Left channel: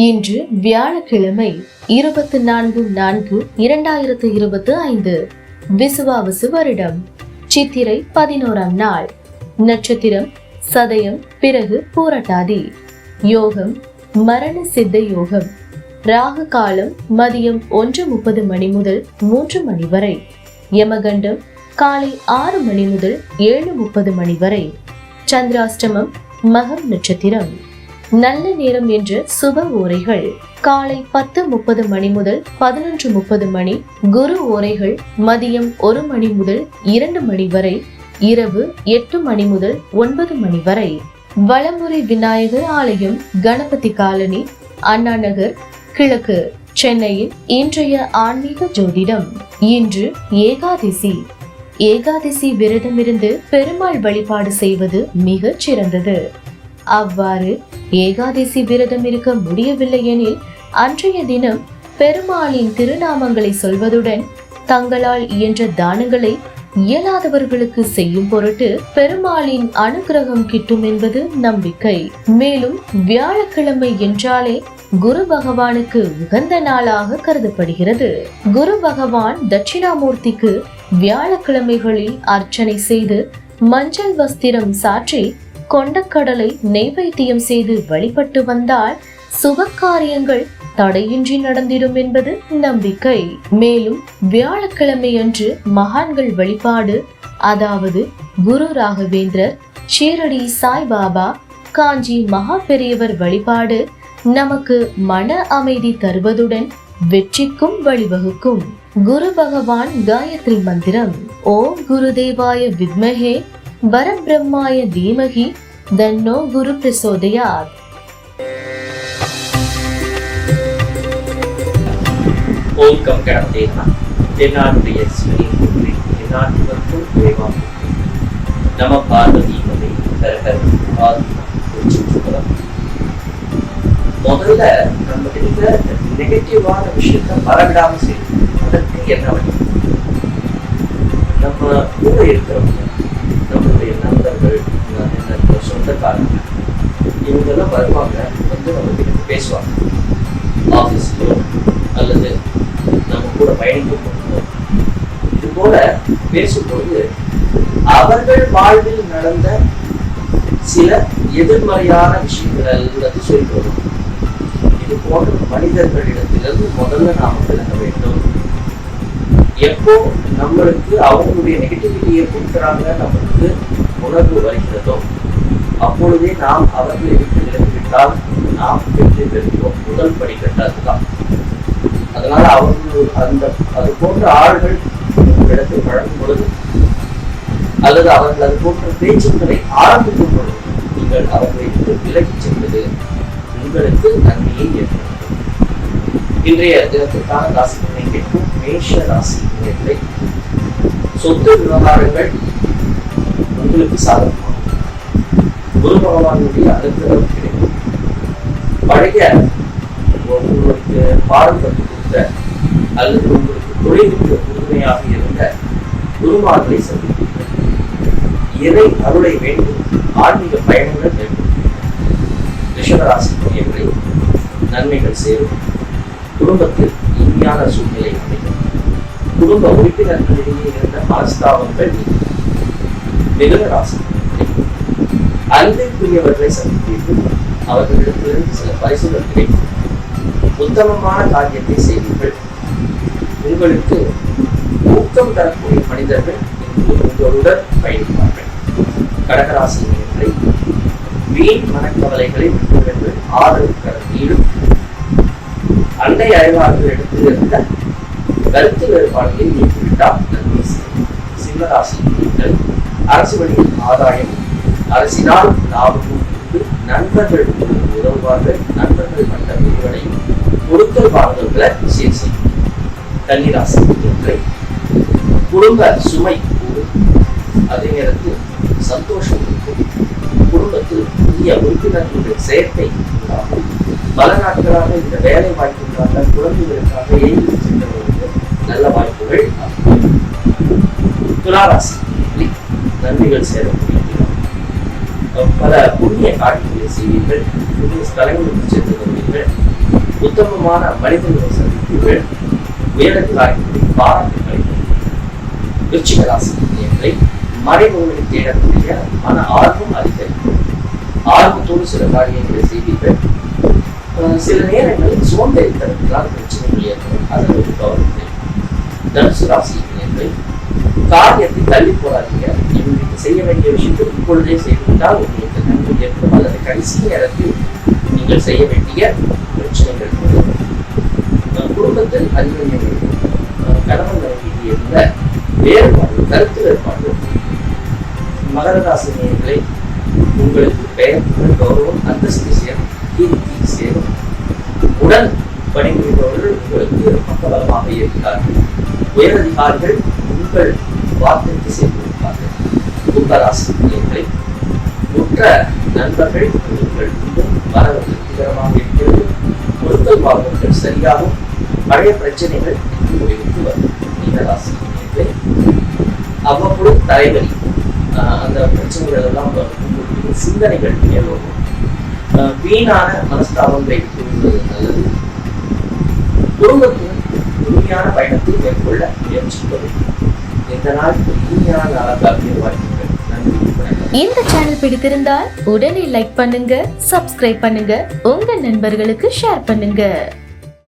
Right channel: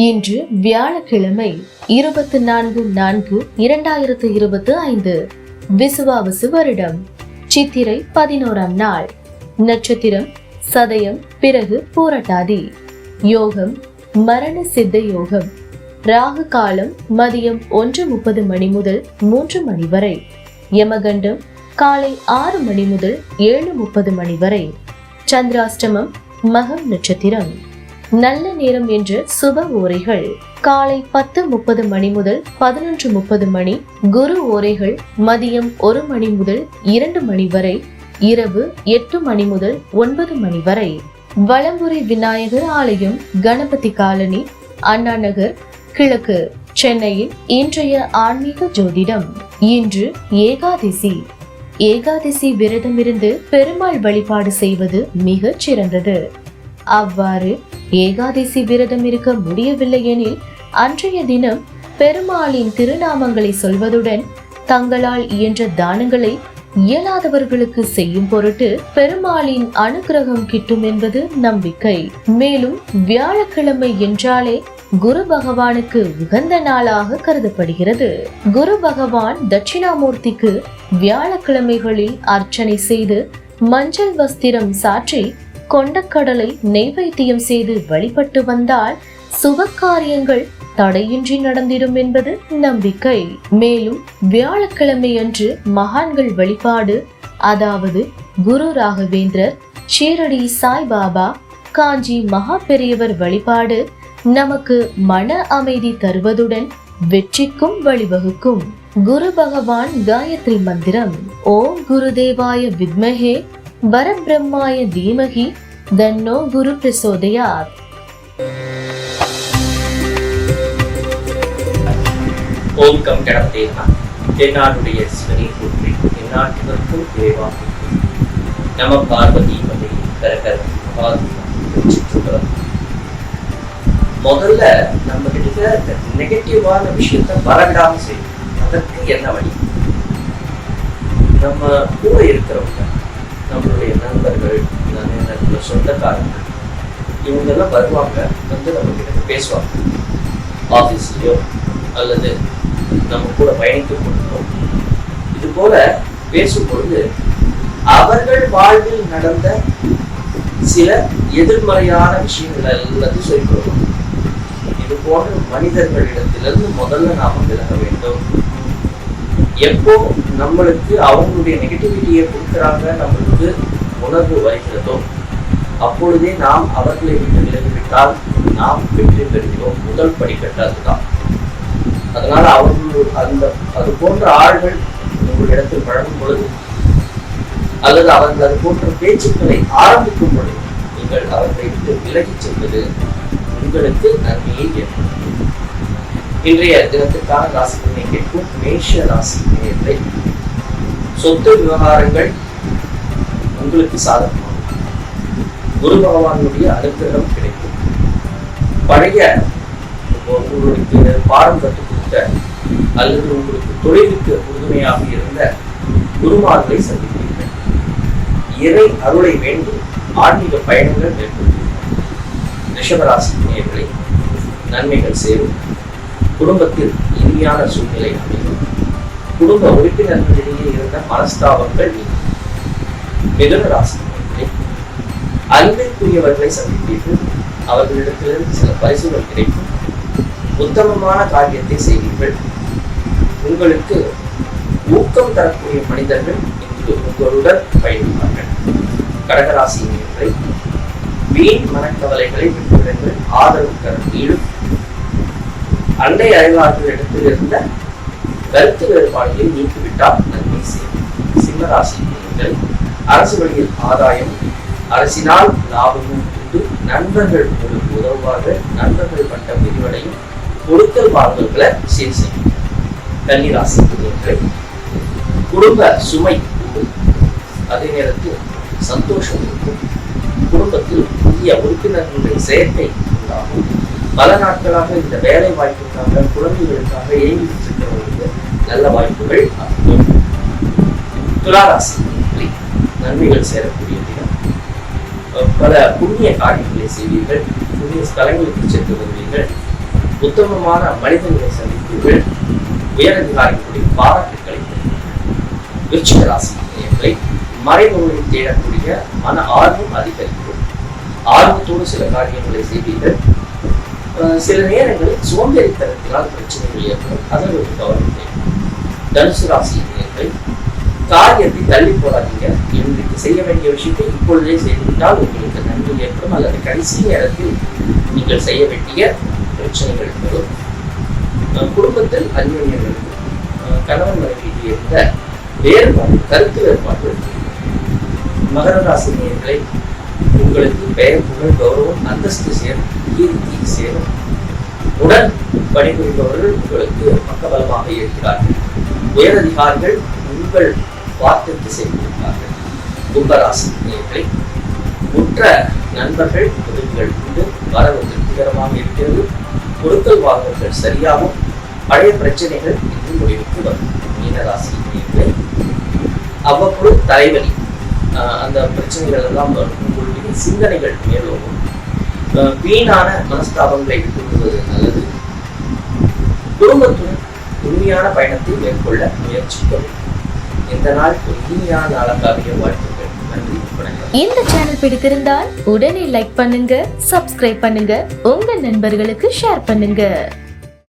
இன்று வியாழக்கிழமை 24/4/2025 விசுவாவசு வருடம் சித்திரை 11ஆம் நாள். நட்சத்திரம் சதயம், பிறகு பூரட்டாதி. யோகம் மரண சித்த யோகம். ராகு காலம் மதியம் 1:30 மணி முதல் 3 மணி வரை. யமகண்டம் காலை 6 மணி முதல் 7:30 மணி வரை. சந்திராஷ்டமம் மகம் நட்சத்திரம். நல்ல நேரம் என்று சுப ஓரைகள் காலை 10:30 மணி முதல் 11:30 மணி. குரு ஓரைகள் மதியம் 1 மணி முதல் 2 மணி வரை. இரவு 8 மணி முதல் 9 மணி வரை. வலம்புரி விநாயகர் ஆலயம், கணபதி காலனி, அண்ணா நகர், கிழக்கு, சென்னையின் இன்றைய ஆன்மீக ஜோதிடம். இன்று ஏகாதசி. ஏகாதசி விரதம் இருந்து பெருமாள் வழிபாடு செய்வது மிகச் சிறந்தது. அவ்வாறு ஏகாதசி விரதம் இருக்க முடியவில்லை எனில் அன்றைய தினம் பெருமாளின் திருநாமங்களை சொல்வதுடன் தங்களால் இயன்ற தானங்களை இயலாதவர்களுக்கு செய்யும் பொருட்டு பெருமாளின் அனுகிரகம் கிட்டும் என்பது நம்பிக்கை. மேலும் வியாழக்கிழமை என்றாலே குரு பகவானுக்கு உகந்த நாளாக கருதப்படுகிறது. குரு பகவான் தட்சிணாமூர்த்திக்கு வியாழக்கிழமைகளில் அர்ச்சனை செய்து மஞ்சள் வஸ்திரம் சாற்றி கொண்டக்கடலை நெய்வேத்தியம் செய்து வழிபட்டு வந்தால் சுப காரியங்கள் தடையின்றி நடந்திடும் என்பது நம்பிக்கை. மேலும் வியாழக்கிழமை அன்று மகான்கள் வழிபாடு, அதாவது குரு ராகவேந்திரர், ஷீரடி சாய்பாபா, காஞ்சி மகா பெரியவர் வழிபாடு நமக்கு மன அமைதி தருவதுடன் வெற்றிக்கும் வழிவகுக்கும். குரு பகவான் காயத்ரி மந்திரம்: ஓம் குருதேவாய வித்மஹே பரபிரம்மாய தீமஹி தன்னோ குரு பிரசோதயாத். ஓம் கம் கணபதே நமः. தென்னாடுடைய சிவனே போற்றி, எந்நாட்டவர்க்கும் இறைவா போற்றி. நம பார்வதி பதை கரகர பாதுகாப்பு. முதல்ல நம்ம கிட்ட நெகட்டிவான விஷயத்த வரவிடாம செய்யணும். அதற்கு என்ன வழி? நம்ம கூட இருக்கிறவங்க, நம்மளுடைய நண்பர்கள், சொந்தக்காரங்க, இவங்கெல்லாம் வருவாங்க, வந்து நம்ம கிட்ட பேசுவாங்க. ஆஃபீஸ்லயோ அல்லது நம்ம கூட பயணிக்கும் பொழுதோ இது போல பேசும்பொழுது அவர்கள் வாழ்வில் நடந்த சில எதிர்மறையான விஷயங்கள் எல்லாத்தையும் சொல்லிக் இது போன்ற மனிதர்களிடத்திலிருந்து முதல்ல நாம விலக வேண்டும். எப்போ நம்மளுக்கு அவங்களுடைய நெகட்டிவிட்டியை கொடுக்குறாங்க, நம்மளுக்கு உணர்வு வருகிறதோ அப்பொழுதே நாம் அவர்களை விட்டு விலகிவிட்டால் நாம் வெற்றி பெறுகிறோம். முதல் படிக்கட்டு அதுதான். அதனால அவர்கள் அது போன்ற ஆள்கள் உங்களிடத்தில் பழகும் பொழுது அல்லது அவர்கள் அது போன்ற பேச்சுக்களை ஆரம்பிக்கும் பொழுது நீங்கள் அவர்களை விட்டு விலகிச் செல்வது உங்களுக்கு நன்மையை ஏற்படுத்தும். இன்றைய தினத்திற்கான ராசிகளை கேட்கும் மேஷ ராசி நேயர்களே, சொத்து விவகாரங்கள் உங்களுக்கு சாதகமாகும். குரு பகவானுடைய அனுகிரகம் கிடைக்கும். பழைய உங்களுக்கு பாடம் கற்றுக் கொடுத்த அல்லது உங்களுக்கு தொழிலுக்கு உறுதுணையாக இருந்த குருமார்களை சந்திப்பீர்கள். இறை அருளை வேண்டி ஆன்மீக பயணங்கள் மேற்கொள்வீர்கள். ரிஷபராசி நேயர்களை நன்மைகள் சேரும். குடும்பத்தில் இனிமையான சூழ்நிலை அமையும். குடும்ப உறுப்பினர்களிடையே இருந்த மனஸ்தாபங்கள் நீங்கும். மிதுன ராசி அன்பிற்குரியவர்களை சந்திப்பீர்கள். அவர்களிடத்திலிருந்து சில பரிசுகள் கிடைக்கும். உத்தமமான காரியத்தை செய்வீர்கள். உங்களுக்கு ஊக்கம் தரக்கூடிய மனிதர்கள் இன்று உங்களுடன் பயணிப்பார்கள். கடகராசினியர்களை வீண் மனக்கவலைகளை விட்டுவிடுங்கள். ஆதரவு கரம் நீடும். அண்டை அறிவாளர்களிடத்தில் இருந்த கருத்து வேறுபாடுகளை நீக்கிவிட்டால் நன்மை செய்யும். சிம்மராசினியர்கள் அரசு வழியில் ஆதாயம், அரசினால் லாபமும் உண்டு. நண்பர்கள் உங்களுக்கு உதவுவார்கள். நண்பர்கள் பட்ட விரிவடையும். கொடுக்கல் வாங்கல்களை சீர் செய்யும். கன்னிராசினியர்களை குடும்ப சுமை கூடும். அதே நேரத்தில் சந்தோஷம் இருக்கும். குடும்பத்தில் புதிய உறுப்பினர்களுடைய சேர்க்கை உண்டாகும். பல நாட்களாக இந்த வேலை வாய்ப்புக்காக, குழந்தைகளுக்காக ஏங்கி சென்றவர்களுக்கு நல்ல வாய்ப்புகள் ஆகும். துளாராசி நன்மைகள் சேரக்கூடிய பல புண்ணிய காரியங்களை செய்வீர்கள். புண்ணிய ஸ்தலங்களுக்கு சென்று வருவீர்கள். உத்தமமான மனிதர்களை சந்திப்பீர்கள். உயரதிகாரிகளுடைய பாராட்டுக்களை விருச்சிக ராசி நேயர்களை மறைமுகங்களை தேடக்கூடிய மன ஆர்வம் அதிகரிக்கும். ஆர்வத்தோடு சில காரியங்களை செய்வீர்கள். சில நேரங்களில் சோம்பேறித்தனத்தினால் பிரச்சனைகள் ஏற்படும். அதை ஒரு கவனத்தை. தனுசு ராசி நேயர்களை காரியத்தை தள்ளி போடாதீங்க. இன்றைக்கு செய்ய வேண்டிய விஷயத்தை இப்பொழுதே செய்துவிட்டால் உங்களுக்கு நன்மை ஏற்படும். அல்லது கடைசி நேரத்தில் நீங்கள் செய்ய வேண்டிய பிரச்சனைகள் வரும். குடும்பத்தில் அந்யோன்யங்கள், கணவன் மனைவிக்கு இருந்த வேறுபாடு, கருத்து வேறுபாடு. மகர ராசி நேயர்களை உங்களுக்கு பெயர், புகழ், கௌரவம், அந்தஸ்து சேரும், கீர்த்தி சேரும். உடன் பணிபுரிபவர்கள் உங்களுக்கு பக்கபலமாக இருக்கிறார்கள். உயரதிகாரிகள் உங்கள் வார்த்தைக்கு செய்திருப்பார்கள். கும்பராசி நேயர்களை உற்ற நண்பர்கள் உதவிகள் உண்டு. வரவு திருப்திகரமாக இருக்கிறது. பொருட்கள் வாங்குவர்கள் சரியாகும். பழைய பிரச்சனைகள் இன்று முடிவுக்கு வரும். மீனராசி நேயர்களை அவ்வப்பொழுது தலைவலி, அந்த பிரச்சனைகள் எல்லாம் வரும். உங்களுடைய சிந்தனைகள் மேலோடும். வீணான மனஸ்தாபங்களை விட்டுவிடுவது நல்லது. குடும்பத்துடன் உண்மையான பயணத்தை மேற்கொள்ள முயற்சிக்க வேண்டும். இந்த நாள் ஒரு இனிமையான நாளாக அமைய வாழ்த்துக்கள். நன்றி, வணக்கம். இந்த சேனல் பிடித்திருந்தால் உடனே லைக் பண்ணுங்க, சப்ஸ்கிரைப் பண்ணுங்க, உங்க நண்பர்களுக்கு ஷேர் பண்ணுங்க.